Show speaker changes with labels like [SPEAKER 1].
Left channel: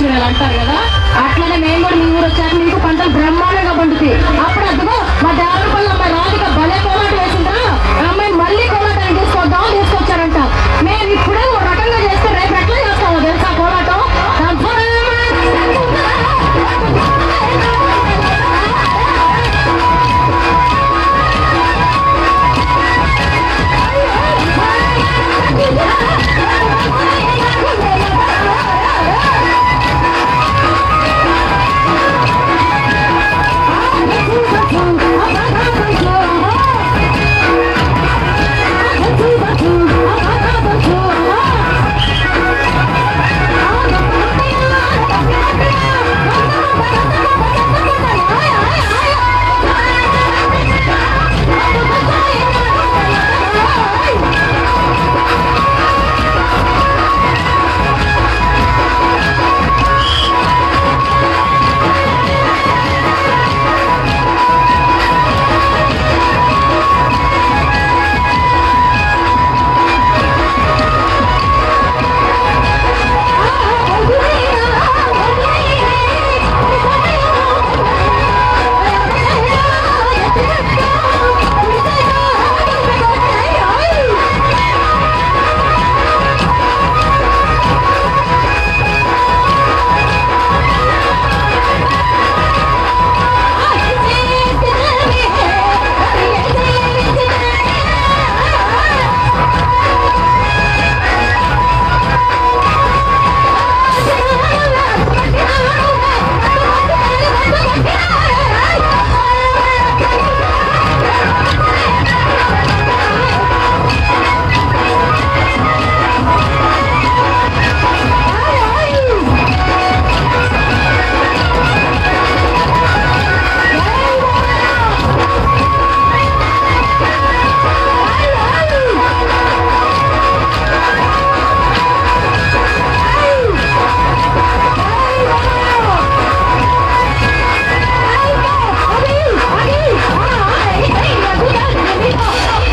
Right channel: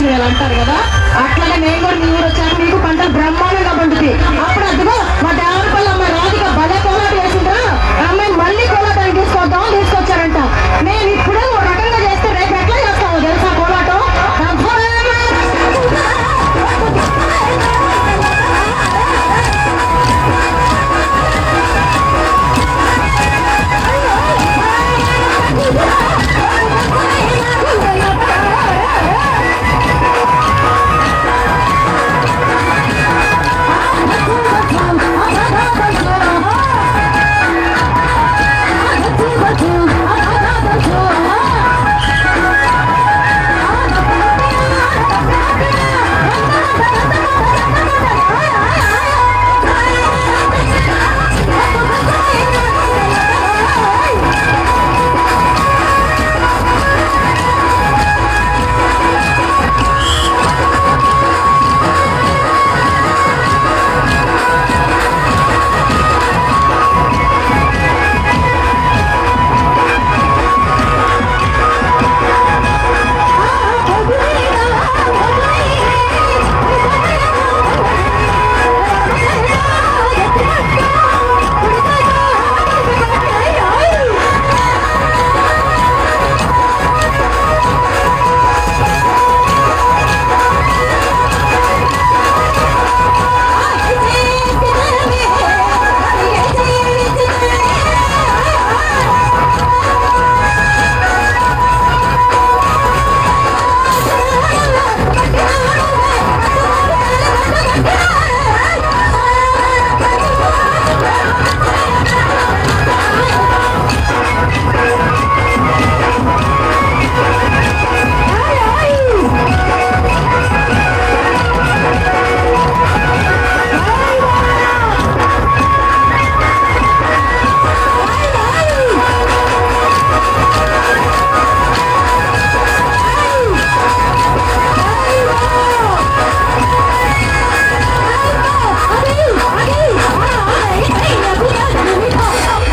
[SPEAKER 1] వచ్చినాయి అంటారు కదా. అట్లనే మేము కూడా